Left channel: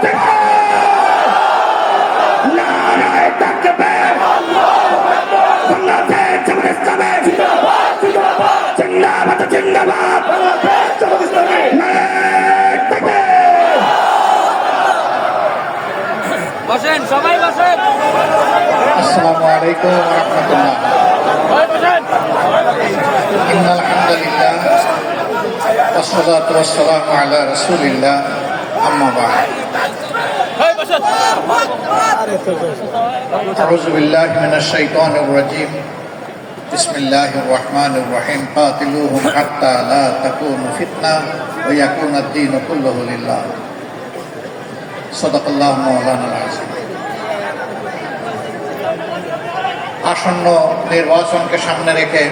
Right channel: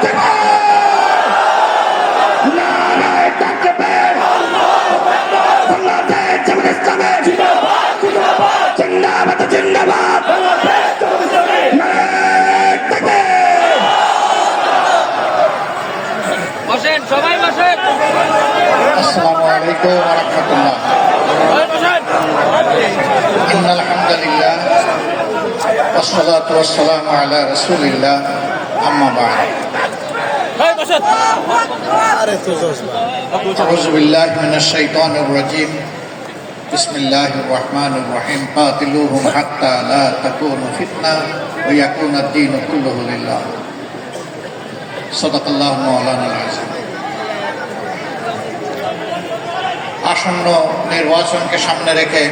আসসালামু আলাইকুম ওয়া রাহমাতুল্লাহ। ইন্নাল হামদুলিল্লাহ ওয়াসসালাতু ওয়াসসালামু আলা রাসূলিল্লাহ আম্মা বা'দ। আউযু বিল্লাহি মিনাশ শাইতানির রাজীম। বিসমিল্লাহির রহমানির রহিম। কাতিলুহুম হাত্তা লা তাকুনু ফিতনাহ ওয়া ইয়াকুনা আদ-দীনু কুল্লুহু লিল্লাহ। সাদাকাল্লাহু মাওলানাল আযীম। আসন্ন নির্বাচনকে সামনে রেখে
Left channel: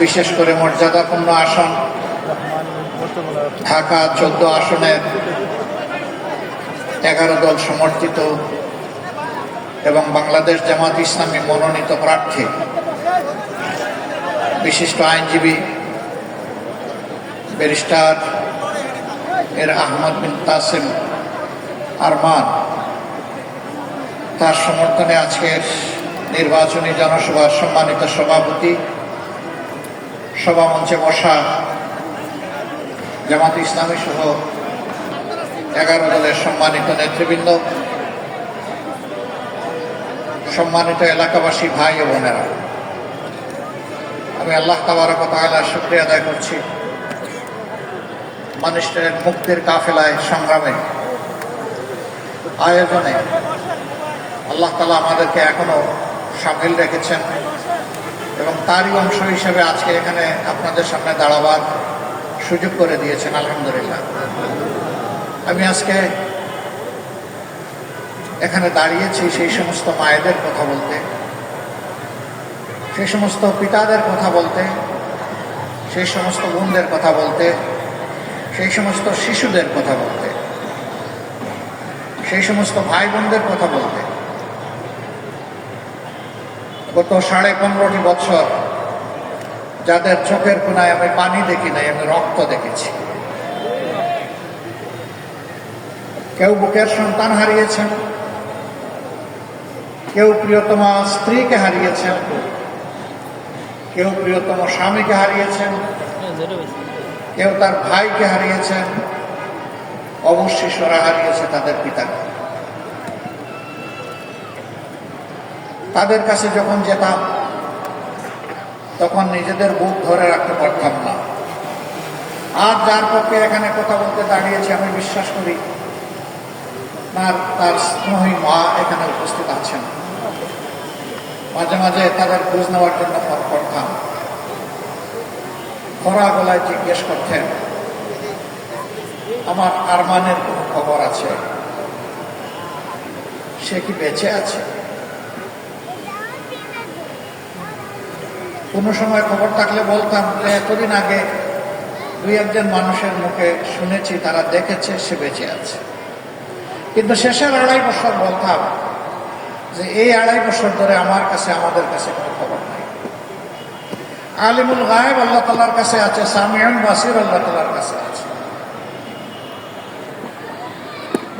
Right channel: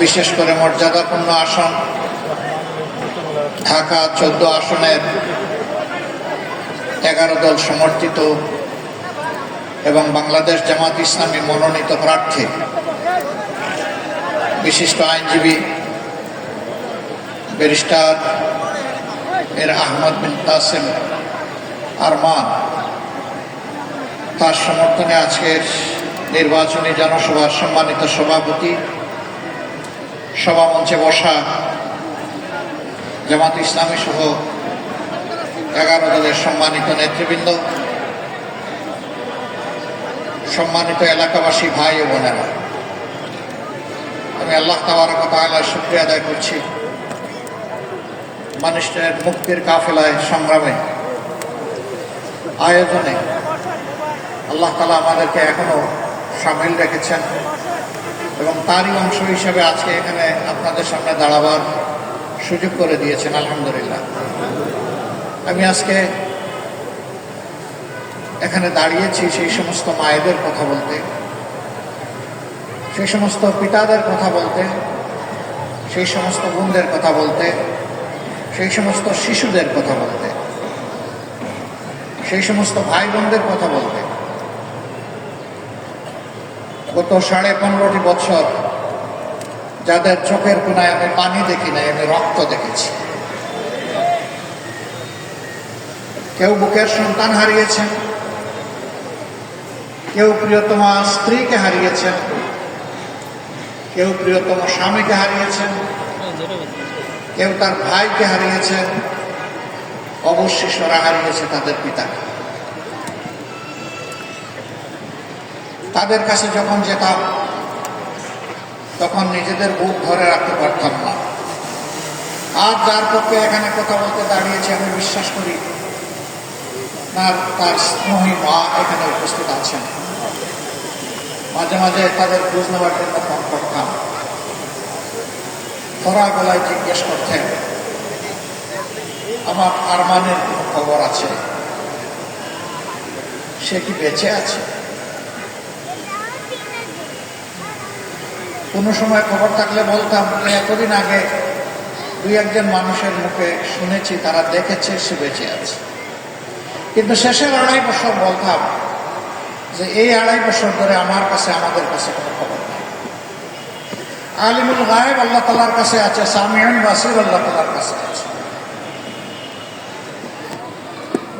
বিশেষ করে মর্যাদাপূর্ণ আসন ঢাকা 14 আসনের 11 দল সমর্থিত এবং বাংলাদেশ জামাত ইসলামী মনোনীত প্রার্থী বিশিষ্ট আইনজীবী ব্যারিস্টার আহমদ বিন তাসিম আরমান তার সমর্থনে আজকের নির্বাচনী জনসভার সম্মানিত সভাপতি, সভামঞ্চে বসা জামাত ইসলামী সহ 11 দলের সম্মানিত নেতৃবৃন্দ, সম্মানিত এলাকাবাসী ভাই ও বোনেরা, আমি আল্লাহ তাবারক ওয়া তাআলার শুকরিয়া আদায় করছি মানুষের মুক্তির কাফেলায় সংগ্রামে আয়োজনে আল্লাহ তাআলা আমাদেরকে এখনো সামিল রেখেছেন এবং তারই অংশ হিসেবে আজকে এখানে আপনাদের সামনে দাঁড়াবার সুযোগ করে দিয়েছেন। আলহামদুলিল্লাহ। আমি আজকে এখানে দাঁড়িয়েছি সেই সমস্ত মায়েদের কথা বলতে, সেই সমস্ত পিতাদের কথা বলতে, সেই সমস্ত বোনদের কথা বলতে, সেই সমস্ত শিশুদের কথা বলতে, সেই সমস্ত ভাই বোনদের কথা বলতে। গত 15.5 বছর যাদের চোখের কোনায় আমি পানি দেখি নাই, আমি রক্ত দেখেছি। কেউ বুকের সন্তান হারিয়েছেন, কেউ প্রিয়তম স্ত্রীকে হারিয়েছেন, কেউ প্রিয়তম স্বামীকে হারিয়েছেন, কেউ তার ভাইকে হারিয়েছেন, অবশিষ্টরা হারিয়েছে তাদের পিতাকে। তাদের কাছে যখন যেতাম তখন নিজেদের বুক ধরে রাখতে পারতাম না। আজ যার পক্ষে এখানে কথা বলতে দাঁড়িয়েছি আমি বিশ্বাস করি তার স্নেহী মা এখানে উপস্থিত আছেন। মাঝে মাঝে তাদের খোঁজ নেওয়ার জন্য ফোন করতাম, খরা গলায় জিজ্ঞেস করতেন আমার আরমানের কোনো খবর আছে, সে কি বেঁচে আছে। কোনো সময় খবর থাকলে বলতাম কদিন আগে 2-1 মানুষের মুখে শুনেছি তারা দেখেছে সে বেঁচে আছে। কিন্তু শেষের 2.5 বছর বলতাম যে এই 2.5 বছর ধরে আমাদের কাছে কোনো খবর নেই। আলিমুল গায়েব আল্লাহ তাআলার কাছে আছে, সামিউন বাসির আল্লাহ তাআলার কাছে আছে।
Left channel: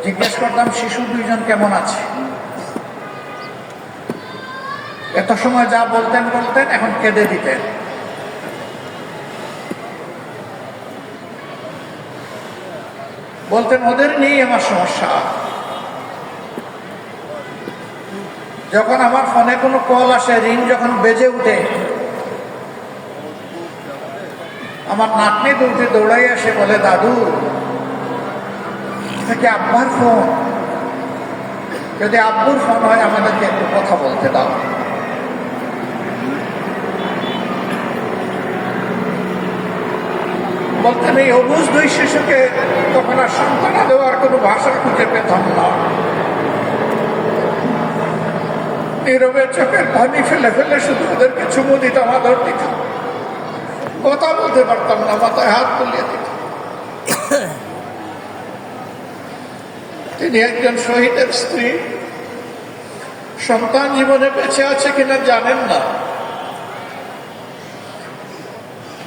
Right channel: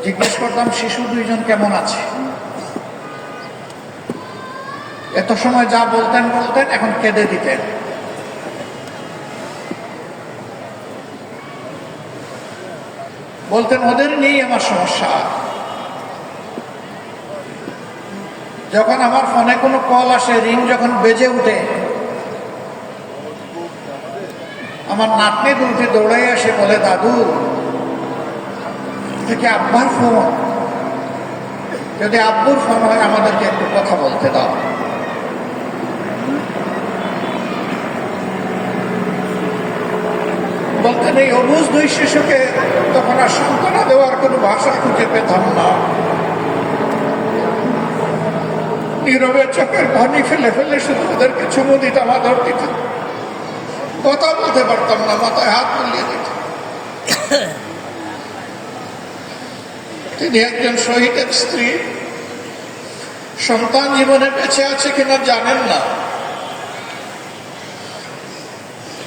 জিজ্ঞেস করতাম শিশু 2জন কেমন আছে। এত সময় যা বলতেন এখন কেঁদে দিতেন। বলতেন ওদের নিয়েই আমার সমস্যা। যখন আমার ফোনে কোনো কল আসে, রিং যখন বেজে উঠে, আমার নাতনি উঠে দৌড়াই আসে, বলে দাদু থেকে আব্বার ফোন, যদি আব্বুর ফোন হয় আমাদেরকে একটু কথা বলতে দাও। বলতেন এই অবুঝ 2 শিশুকে তখন আর সান্ত্বনা দেওয়ার কোনো ভাষা খুঁজে পেতাম না। নীরবে চোখের পানি ফেলে ফেলে শুধু ওদেরকে চুমু দিতাম, আদর দিতাম। কথা বলতে পারতাম না, মাথায় হাত বুলিয়ে দিতাম। তিনি একজন শহীদের স্ত্রী, সন্তান জীবনে বেঁচে আছে কিনা জানেন না।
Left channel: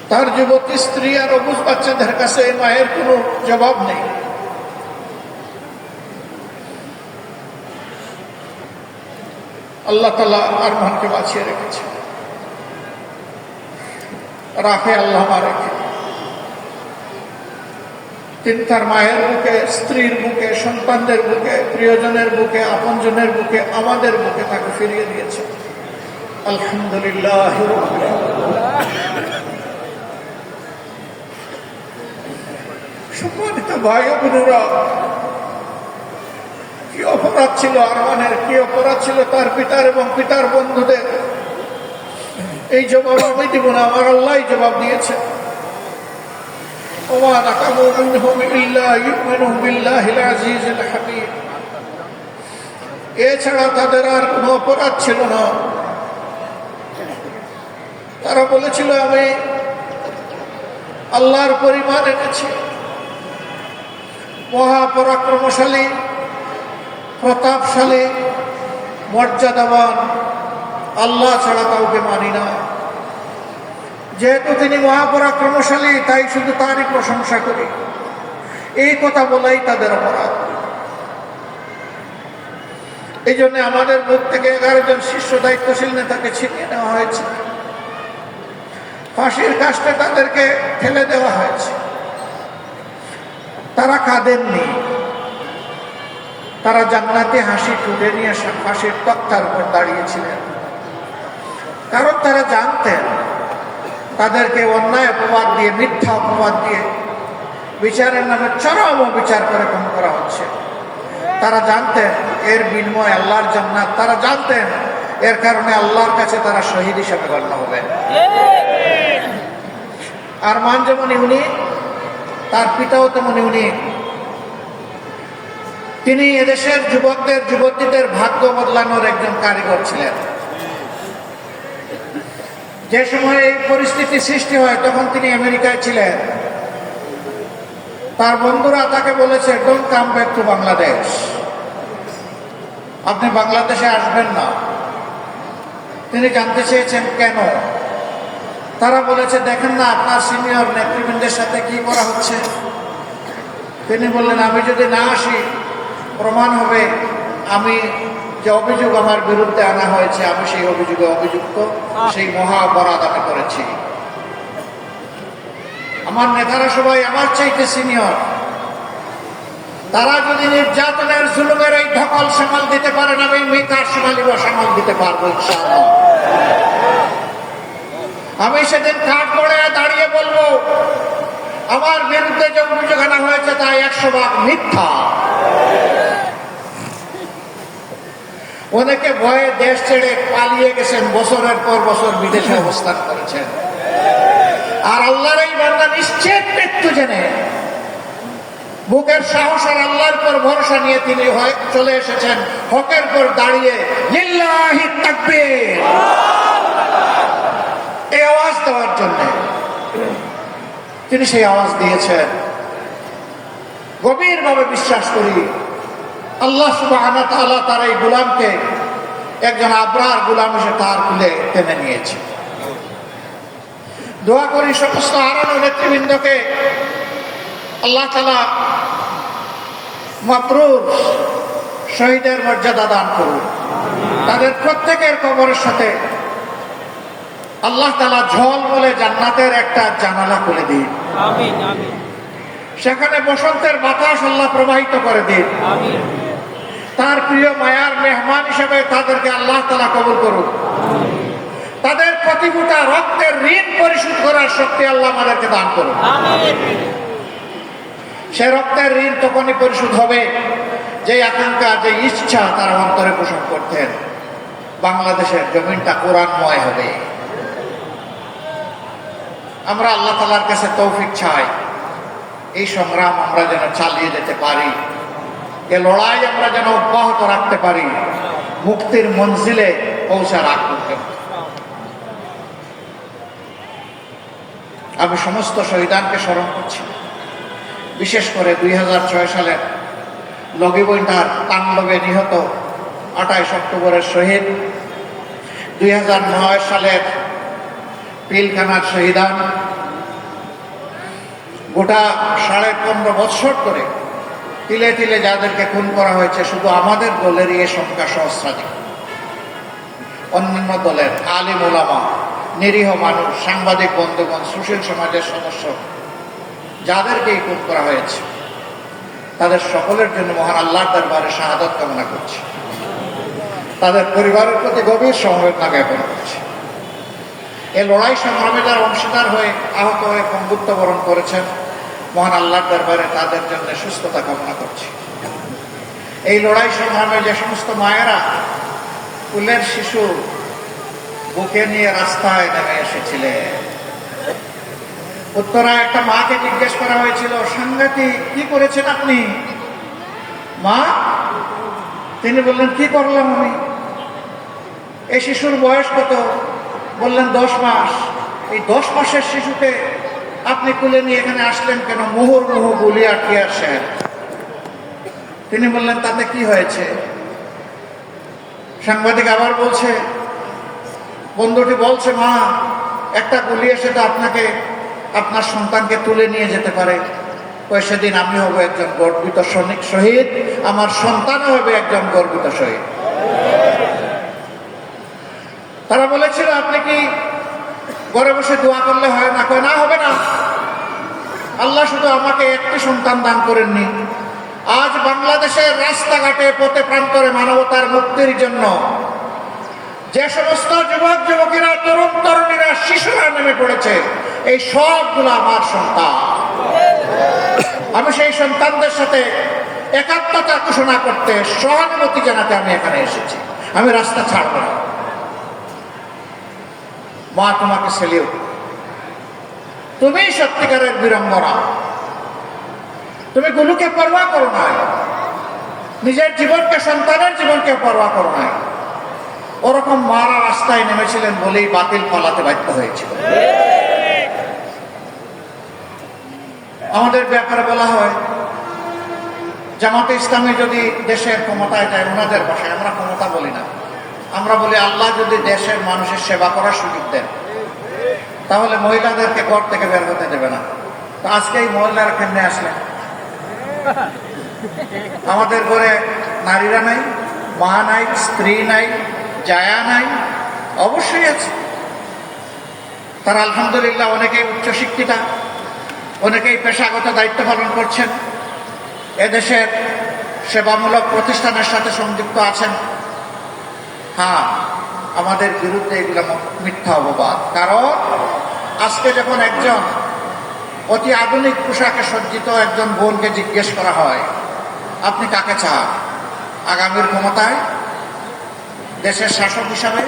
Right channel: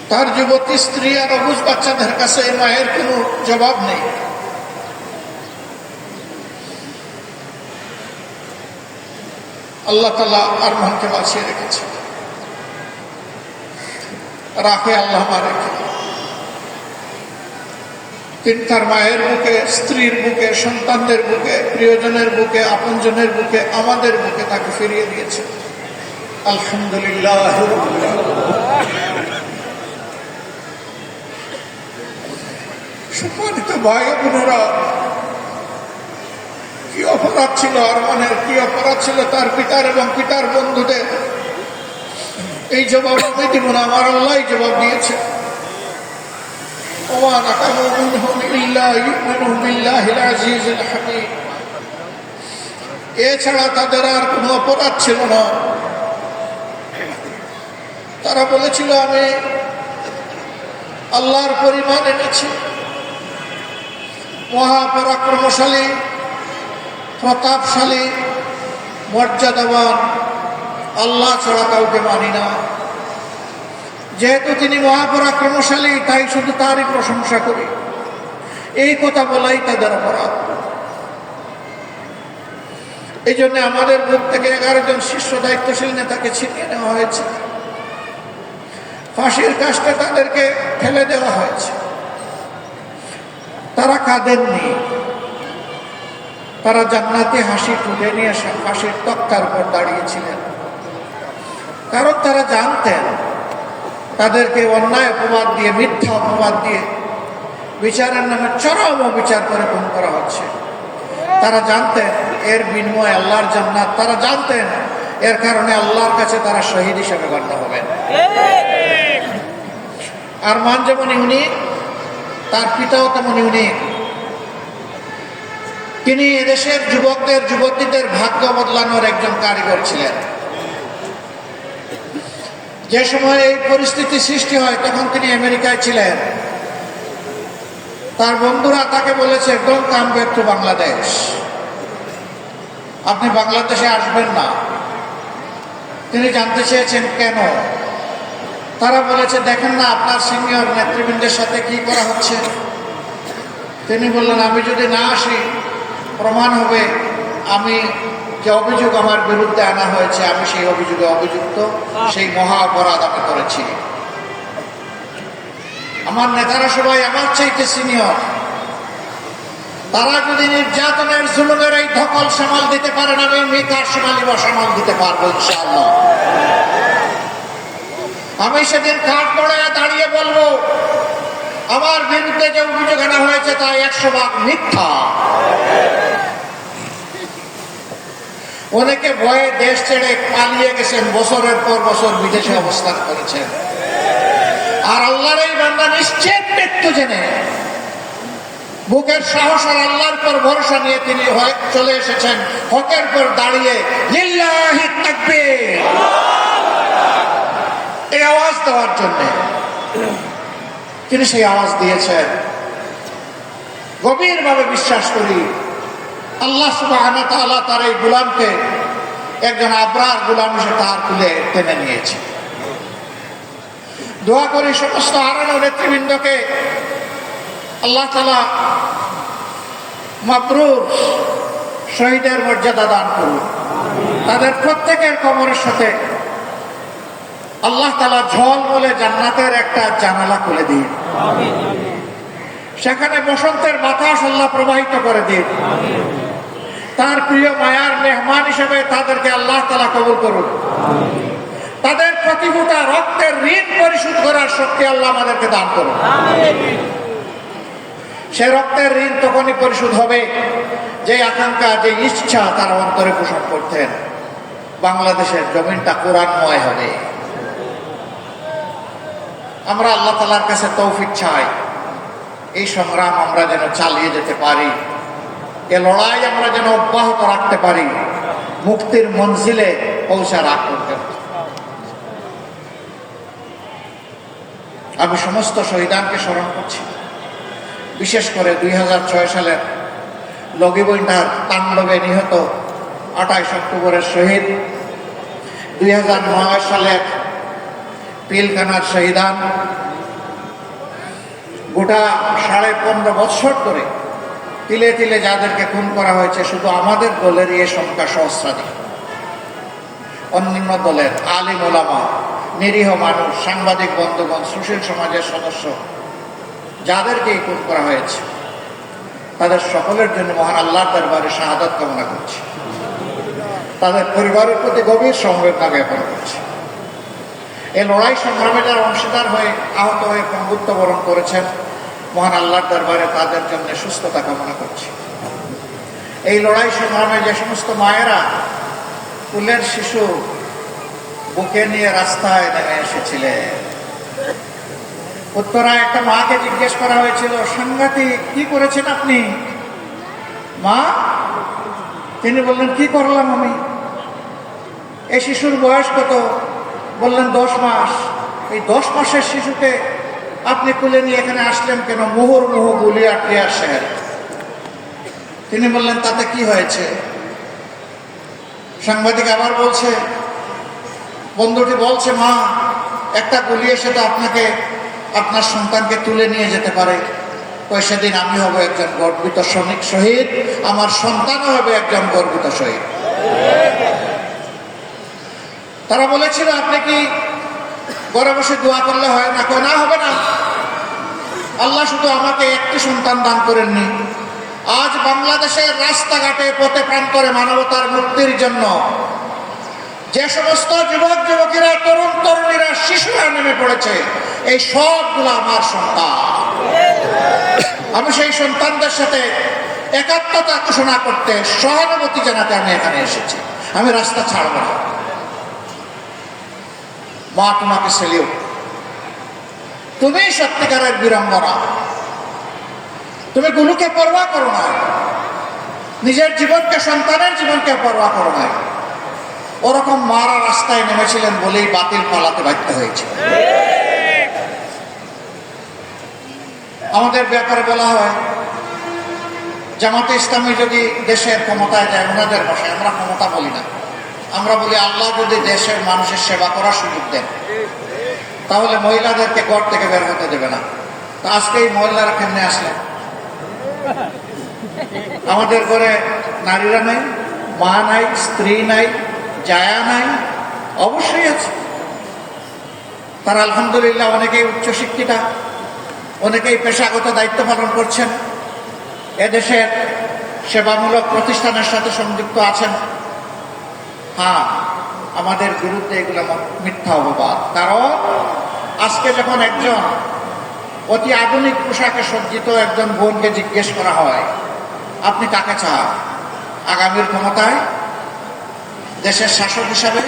তার যুবতী স্ত্রী আর অবুঝ বাচ্চাদের কাছে মায়ের কোনো জবাব নেই। আল্লাহ তাআলা আরমানকে বাঁচিয়ে রেখেছে, রাখে আল্লাহ রেখে। তিনি তার মায়ের বুকে, স্ত্রীর বুকে, সন্তানদের বুকে, প্রিয়জনের বুকে, আপনজনের বুকে, আমাদের বুকে তাকে ফিরিয়ে দিয়েছে। আলহামদুলিল্লাহ। সম্মানিত ভাই বোনেরা, কি অপরাধ ছিল আরমানের, কি অপরাধ ছিল তার পিতার এবং পিতার বন্ধুদের, এই জবাব আমি দিব না, আমার আল্লাহ জবাব দিয়েছে। এছাড়া তাদের আর কোন অপরাধ ছিল না। তারা বলেছিল আমি আল্লাহর পরিমাণ এনেছি, মহাপরাক্রমশালী, প্রতাপশালী, মর্যাদাবান আল্লাহ ছাড়া কাউকে মানি না। যেহেতু তিনি মহাপরাক্রমশালী, তাই শুধু তারই প্রশংসা করি, এই কথা বলাই তাদের অপরাধ। এই জন্য আমাদের বুক থেকে 11 জন শীর্ষ দায়িত্বশীল নেতাকে ছিনিয়ে নেওয়া হয়েছে, ফাঁসির কাস্টে তাদেরকে ফেলে দেওয়া হয়েছে। তারা কাঁদেননি, তারা জান্নাতি হাসি তুলে নিয়ে ফাঁসির তক্তার উপর দাঁড়িয়েছিলেন, কারণ তারা জানতেন তাদেরকে অন্যায় অপবাদ দিয়ে, মিথ্যা অপবাদ দিয়ে বিচারের নামে চরম অবিচার করে খুন করা হচ্ছে। তারা জানতেন এর বিনিময়ে আল্লাহর জান্নাত, তারা জানতেন এর কারণে আল্লাহর কাছে তারা শহীদ হিসেবে গণ্য হবেন। আরমান যেমন ইউনিক, তার পিতাও তেমন ইউনিক। তিনি এদেশের যুবকদের, যুবতীদের ভাগ্য বদলানোর একজন কারিগর ছিলেন। যে সময় এই পরিস্থিতি সৃষ্টি হয় তখন তিনি আমেরিকায় ছিলেন। তার বন্ধুরা তাকে বলেছে, don't come back to Bangladesh, আপনি বাংলাদেশে আসবেন না। তিনি জানতে চেয়েছেন কেন। তারা বলেছে, দেখেন না আপনার সিনিয়র নেতৃবৃন্দের সাথে কি করা হচ্ছে। তিনি বললেন, আমি যদি না আসি প্রমাণ হবে আমি যে অভিযোগ আমার বিরুদ্ধে আনা হয়েছে আমি সেই অভিযোগে অভিযুক্ত, সেই মহা অপরাধ আমি করেছি। আমার নেতারা সবাই আমার চাইতে সিনিয়র, তারা যদি নির্যাতনের, জুলুমের এই ধকল সামাল দিতে পারেন, আমি মিকার সোনালিবা সামাল দিতে পারবো ইনশাআল্লাহ। আমি সেদিন কাঠ পড়ে দাঁড়িয়ে বলবো আমার বিরুদ্ধে যে অভিযোগ আনা হয়েছে তা 100% মিথ্যা। অনেকে ভয়ে দেশ ছেড়ে পালিয়ে গেছেন, বছরের পর বছর বিদেশে অবস্থান করেছেন। আর আল্লাহর এই বান্দা নিশ্চিত মৃত্যু জেনে বুকের সাহস আর আল্লাহর পর ভরসা নিয়ে তিনি চলে এসেছেন হকের পর দাঁড়িয়ে লিল্লাহি তাকবীর এই আওয়াজ দেওয়ার জন্য। তিনি সেই আওয়াজ দিয়েছেন। গভীরভাবে বিশ্বাস করি আল্লাহ সুবহানাহু ওয়া তাআলা তার এই গোলামকে একজন আবরার গোলাম হিসেবে তার কুলে টেনে নিয়েছে। দোয়া করি সমস্ত হারানো নেতৃবৃন্দকে আল্লাহ তাআলা মাবরুর শহীদের মর্যাদা দান করুন। তাদের প্রত্যেকের কবরের সাথে আল্লাহ তাআলা ঝলমলে জান্নাতের একটা জানালা খুলে দিন, সেখানে বসন্তের বাতাস আল্লাহ প্রবাহিত করে দিন। তার প্রিয় মায়ার মেহমান হিসেবে তাদেরকে আল্লাহ তাআলা কবুল করুন। তাদের প্রতিভূতা রক্তের ঋণ পরিশোধ করার শক্তি আল্লাহ আমাদেরকে দান করুন। সে রক্তের ঋণ তখনই পরিশোধ হবে যে আকাঙ্ক্ষা, যে ইচ্ছা তারা অন্তরে পোষণ করতেন, বাংলাদেশের জমিনটা কোরআনময় হবে। আমরা আল্লাহ তাআলার কাছে তৌফিক চাই, এই সংগ্রাম আমরা যেন চালিয়ে যেতে পারি, এ লড়াই আমরা যেন অব্যাহত রাখতে পারি মুক্তির মঞ্জিলে পৌঁছার আগ পর্যন্ত। আমি সমস্ত শহীদানকে স্মরণ করছি, বিশেষ করে 2006 সালের লগিবইন্টার তাণ্ডবে নিহত 28 অক্টোবরের শহীদ, 2009 সালের পিলখানার শহীদান, গোটা 15.5 বছর ধরে তিলে তিলে যাদেরকে খুন করা হয়েছে, শুধু আমাদের দলেরই এ সংখ্যা সহস্রাধিক। অন্যান্য দলের আলিম ওলামা, নিরীহ মানুষ, সাংবাদিক বন্ধুগণ, সুশীল সমাজের সদস্য যাদেরকে খুন করা হয়েছে তাদের সকলের জন্য মহান আল্লাহর দরবারে শাহাদাত কামনা করছি। তাদের পরিবারের প্রতি গভীর সমবেদনা জ্ঞাপন করছি। এই লড়াই সংগ্রামে যারা অংশীদার হয়ে আহত হয়ে পঙ্গুত্ব বরণ করেছেন, মহান আল্লাহর দরবারে তাদের জন্য সুস্থতা কামনা করছি। এই লড়াই সংগ্রামে যে সমস্ত মায়েরা কুলের শিশু বুকে নিয়ে রাস্তায় নেমে এসেছিলেন, উত্তরায় একটা মাকে জিজ্ঞেস করা হয়েছিল, সাংঘাতিক, কি করেছেন আপনি মা? তিনি বললেন, কি করলাম আমি? এই শিশুর বয়স কত? বললেন 10 মাস। এই 10 মাসের শিশুকে আপনি তুলে নিয়ে এখানে আসলেন কেন? মুহুর্মুহু গুলি আটকে আসেন। তিনি বললেন, তাতে কি হয়েছে? সাংবাদিক আবার বলছে, বন্ধুটি বলছে, মা, একটা গুলি এসে তো আপনাকে, আপনার সন্তানকে তুলে নিয়ে যেতে পারে। সেদিন আমি হব একজন গর্বিত সৈনিক শহীদ, আমার সন্তানও হবে একজন গর্বিত শহীদ। তারা বলেছিল, আপনি কি ঘরে বসে দোয়া করলে হয় না? কয়, না, হবে না। আল্লাহ শুধু আমাকে একটি সন্তান দান করেননি, আজ বাংলাদেশের রাস্তাঘাটে পথে প্রান্তরে মানবতার মুক্তির জন্য যে সমস্ত যুবক যুবতীরা, তরুণ তরুণীরা, শিশুরা নেমে পড়েছে, এই সবগুলো আমার সন্তান। আমি সেই সন্তানদের সাথে একাত্মতা ঘোষণা করতে, সহানুভূতি জানাতে আমি এখানে এসেছি। আমি রাস্তা ছাড়ব না। মা, তোমাকে সেলিউট। তুমি সত্যিকারের বীরাঙ্গনা। তুমি গুলুকে পরোয়া করো না, নিজের জীবনকে, সন্তানের জীবনকে পরোয়া করো না। ওরকম মারা রাস্তায় নেমেছিলেন বলেই বাতিল পালাতে বাধ্য হয়েছিল। আমাদের ব্যাপারে বলা হয়, জামাতে ইসলামী যদি দেশের ক্ষমতায় যায়, ওনাদের ভাষায়, আমরা ক্ষমতা বলি না, আমরা বলি আল্লাহ যদি দেশের মানুষের সেবা করার সুযোগ দেন, তাহলে মহিলাদেরকে ঘর থেকে বের হতে দেবে না। তো আজকে এই মহিলারা কেমনে আসলেন? আমাদের ঘরে নারীরা নাই, মা নাই, স্ত্রী নাই, জায়া নাই? অবশ্যই আছে। তারা আলহামদুলিল্লাহ অনেকেই উচ্চশিক্ষিতা, অনেকেই পেশাগত দায়িত্ব পালন করছেন, এদেশের সেবামূলক প্রতিষ্ঠানের সাথে সংযুক্ত আছেন। হ্যাঁ, আমাদের বিরুদ্ধে এগুলো মিথ্যা অপবাদ। কারণ আজকে যখন একজন অতি আধুনিক পোশাকে সজ্জিত একজন বোনকে জিজ্ঞেস করা হয়, আপনি কাকে চান আগামীর ক্ষমতায়, দেশের শাসক হিসাবে,